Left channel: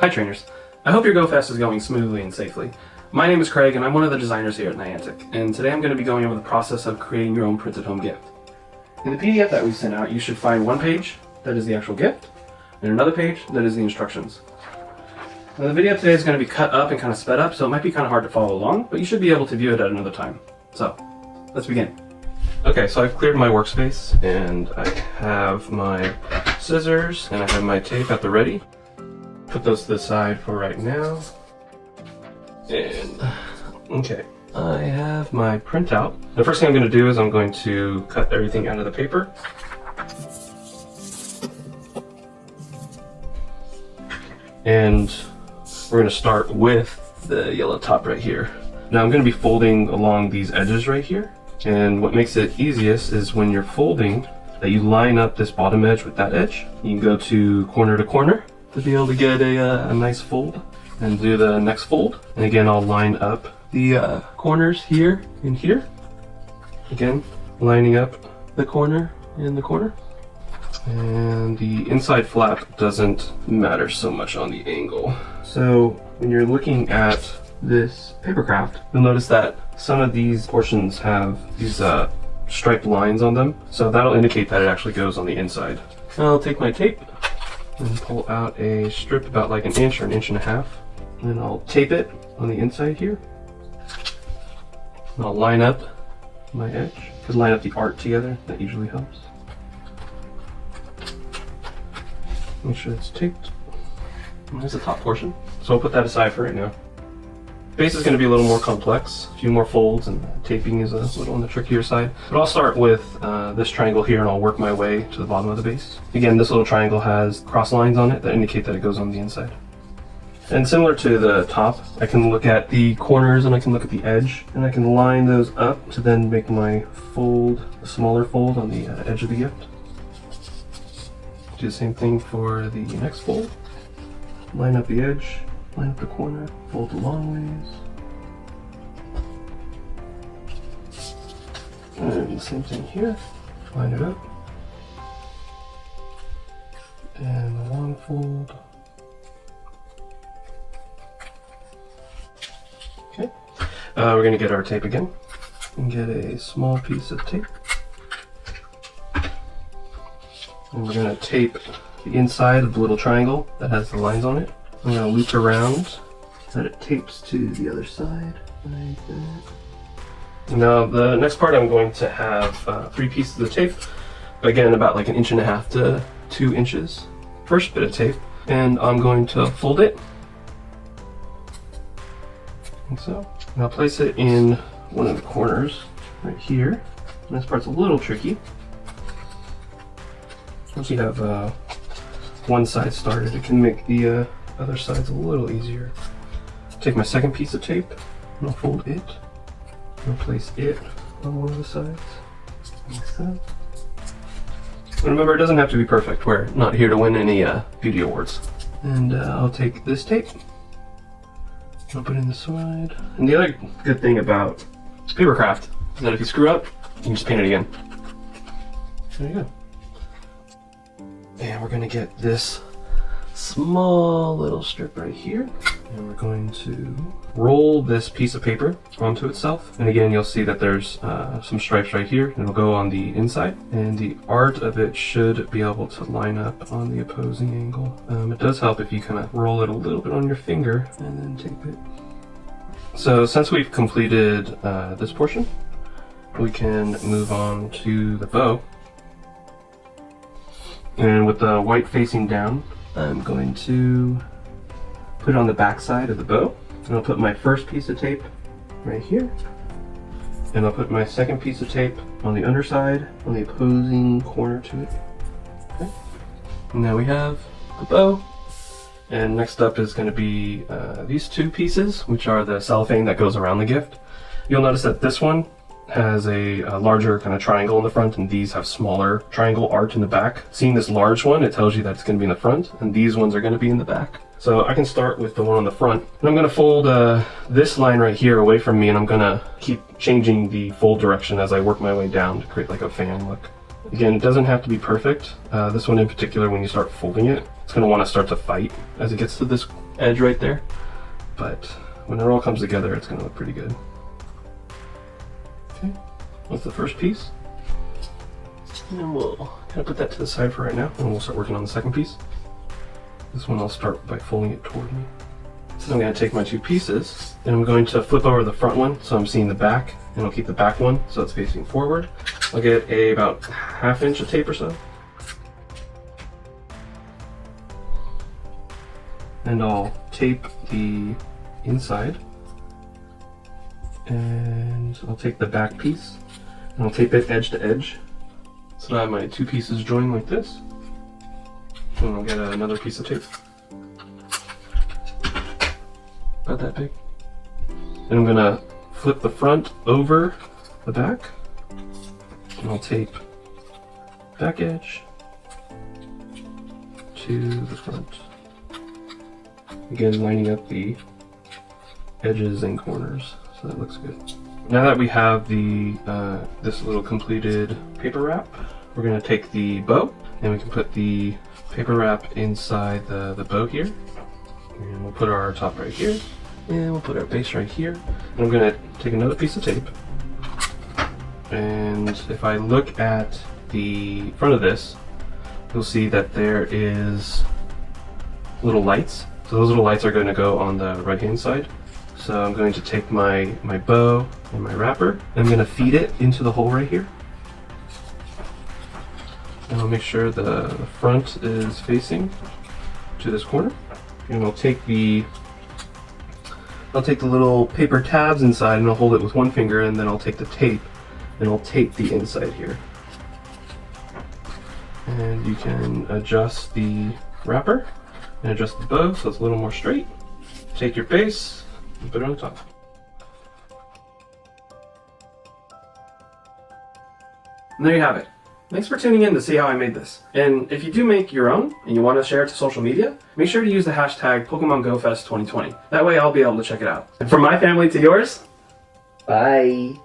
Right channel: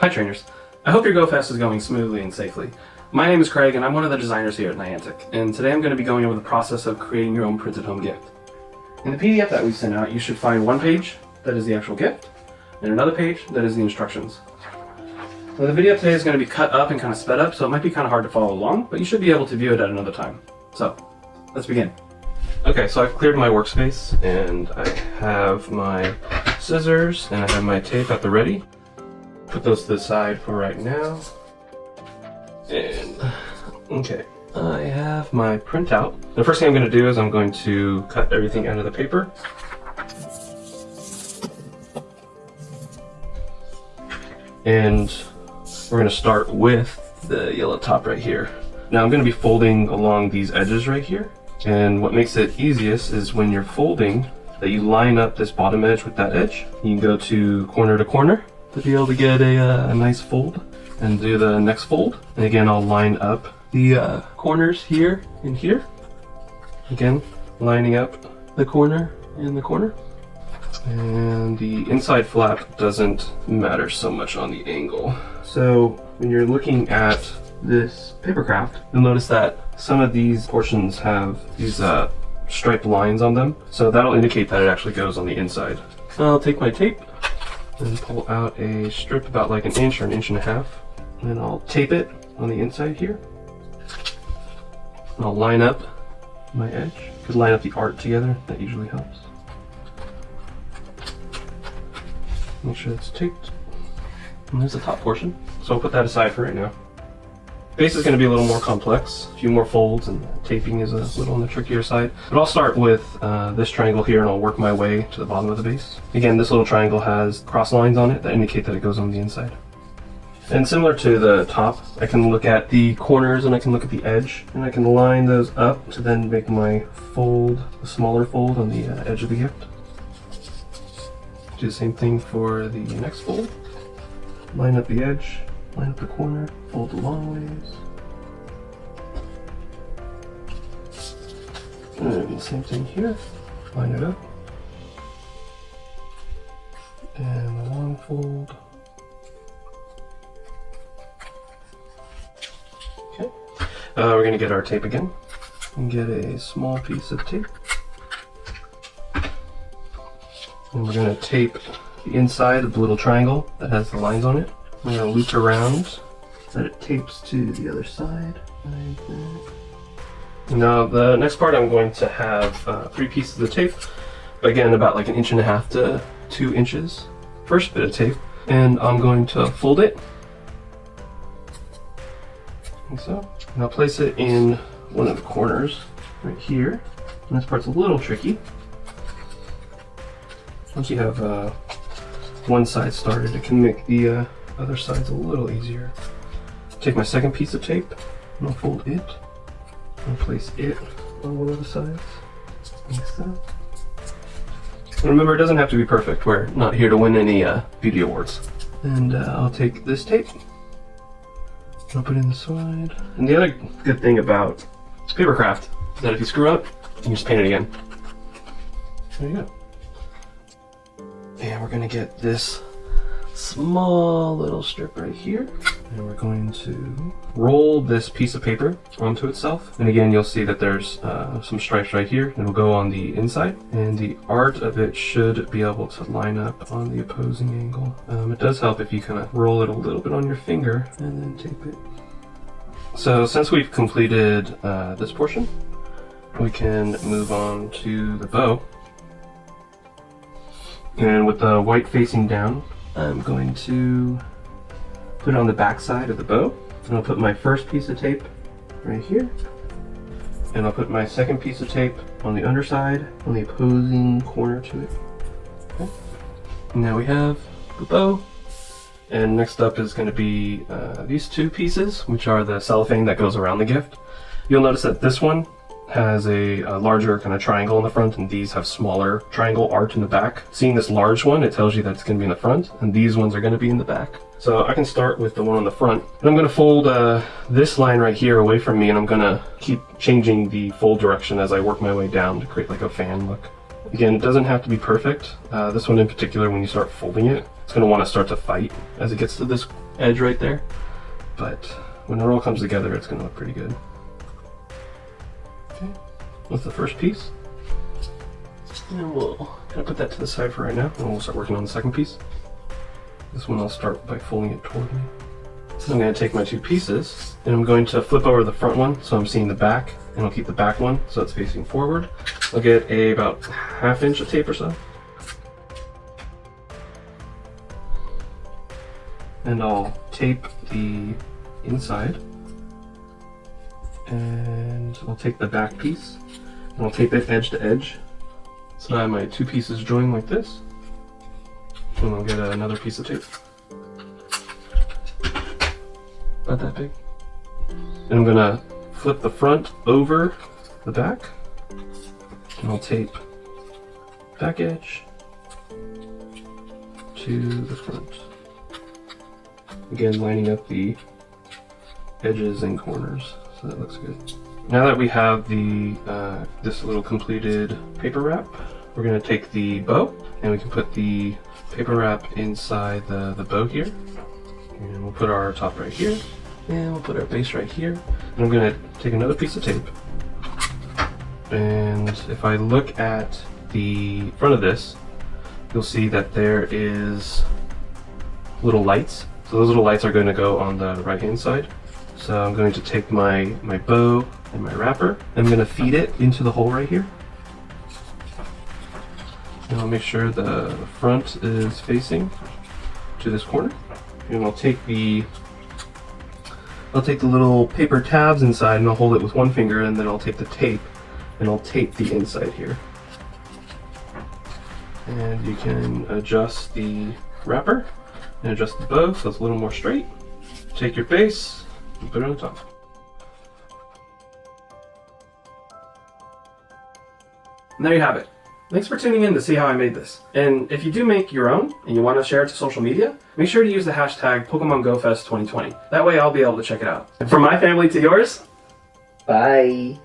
Hi trainers, I hope your GoFest is going smoothly and safely. My name is Craig and I'm one of the designers here at Niantic, and today I'm going to be going over the process of creating your own printed home gift. In the PDF that we sent out, you should find one page that is the actual gift, and another page that is the instructions. Now the video today is going to be cut up and kind of sped up, so it might be kind of hard to follow along, but you should be able to view it at another time. So, let's begin. Okay, so I've cleared my workspace, and I have my scissors, and I have my tape at the ready. Put those to the side for right now. And, okay, I have my printout. The first thing I'm going to do is I'm going to cut everything out of the paper. And we're going to start with the yellow top right here. Now I'm going to be folding along these edges right here. And what makes it easiest is when you're folding, that you line up this bottom edge with that edge. You can go to corner to be able to get a nice fold and do the next fold. And again, I'll line up the corners here and here. Again, lining up the corner and the corner. And the inside flap doesn't matter so much on the angle. So when you're looking at this paper craft, you'll notice that some of these portions have these striped lines on them. So that'll indicate that it actually goes on the inside. And I'll take my tape and pull out a strip about like an inch or an inch and a half. And I'll tape it on the inside here. And I'll line up my edge. Just line up the art together, that usually helps. Make sure it's taped. And there's the top portion. So we'll put that aside for right now. Base is going to be a little more complex, a few more folds, and taping is a little on the trickier side. But I'll start with this triangle here and I'll work my way to the bottom of the base. Again, this little triangle has cross lines on it that indicate that it goes on the inside. And similar to the top, I can look at the corners and I can look at the edge, and I can line those up to then make my fold, a smaller fold on the edge of the gift. Do the same thing for the next fold. Line up the edge, line up the corner, fold the long ways. And the same thing here, line it up. And the long fold. Okay, we're going to get our tape again and get a small piece of tape. And we're going to tape the inside of the little triangle that has the lines on it. I'm going to loop around so that it tapes to the other side. Like that. Now the next part I'm going to have 3 pieces of tape, but again about like an inch and a half to 2 inches. First bit of tape, and I'm going to fold it. Like so. And I'll place it in one of the corners right here. And this part's a little tricky. Once you have one side started, it can make the other sides a little easier. Take my second piece of tape and I'll fold it and place it on one of the sides. Like so. And remember, it doesn't have to be perfect. We're not here to win any beauty awards. And I'll take this tape, I'll put it in the side. And the other good thing about paper craft is that if you screw up, you can just paint it again. There you go. And we're going to get this small little strip right here. And we're going to roll this piece of paper onto itself. And again, you'll see that there's some stripes right here. It'll go on the inside. And the art of it should be able to line up on the opposing angle. It does help if you kind of roll it a little bit on your finger and then tape it. So since we've completed this portion, we can move on to the bow. And with the white facing down, I'm going to put it on the back side of the bow. And I'll put my first piece of tape right here. And I'll put my second piece of tape on the underside, on the opposing corner to it. Okay. And now we have the bow. And next up is going to be these 2 pieces, which are the cellophane that goes around the gift. You'll notice that this one has a larger kind of triangle in the front, and these have smaller triangle art in the back. Seeing this large one, it tells you that it's going to be in the front, and these ones are going to be in the back. So I can start with the one on the front. And I'm going to fold this line right here away from me, and I'm going to keep changing the fold direction as I work my way down to create like a fan look. Again, it doesn't have to be perfect. This one in particular, when you start folding it, it's going to want to start to fight as it gets to this edge right there. But when it all comes together, it's gonna look pretty good. Okay, that's the first piece. And we'll kind of put that to the side for right now, and we'll start working on the second piece. This one I'll start by folding it toward me. So I'm going to take my two pieces, and I'm going to flip over the front one so I'm seeing the back, and I'll keep the back one so it's facing forward. I'll get about 1/2 inch of tape or so. And I'll tape the inside, and I'll take the back piece, and I'll tape it edge to edge. So I have my two pieces joined like this. And I'll get another piece of tape. About that big. And I'm gonna flip the front over the back. And I'll tape back edge to the front. Again, lining up the edges and corners so that looks good. Now that we have the this little completed paper wrap, we're going to take the bow and we can put the paper wrap inside the bow here. And we'll put our top right here, and we'll put our base right here. And I'm going to take another piece of tape, and if I look at the front of this, you'll see that there is little lights. So those little lights are going to go on the right hand side. So I'm going to take my bow and my wrapper, and I'm going to feed it into the hole right here. And I'll make sure the front is facing to this corner. And I'll take the little paper tabs inside and I'll hold it with one finger, and then I'll take the tape and I'll tape the inside here. And you can adjust the wrapper and adjust the bow so it's a little more straight. Take your base and put it on top. And there you have it. Thanks for tuning in to see how I made this. And if you do make your own and you want to share it to social media, make sure to use the hashtag PokemonGoFest2020. That way I'll be able to check it out. And from my family to yours, bye.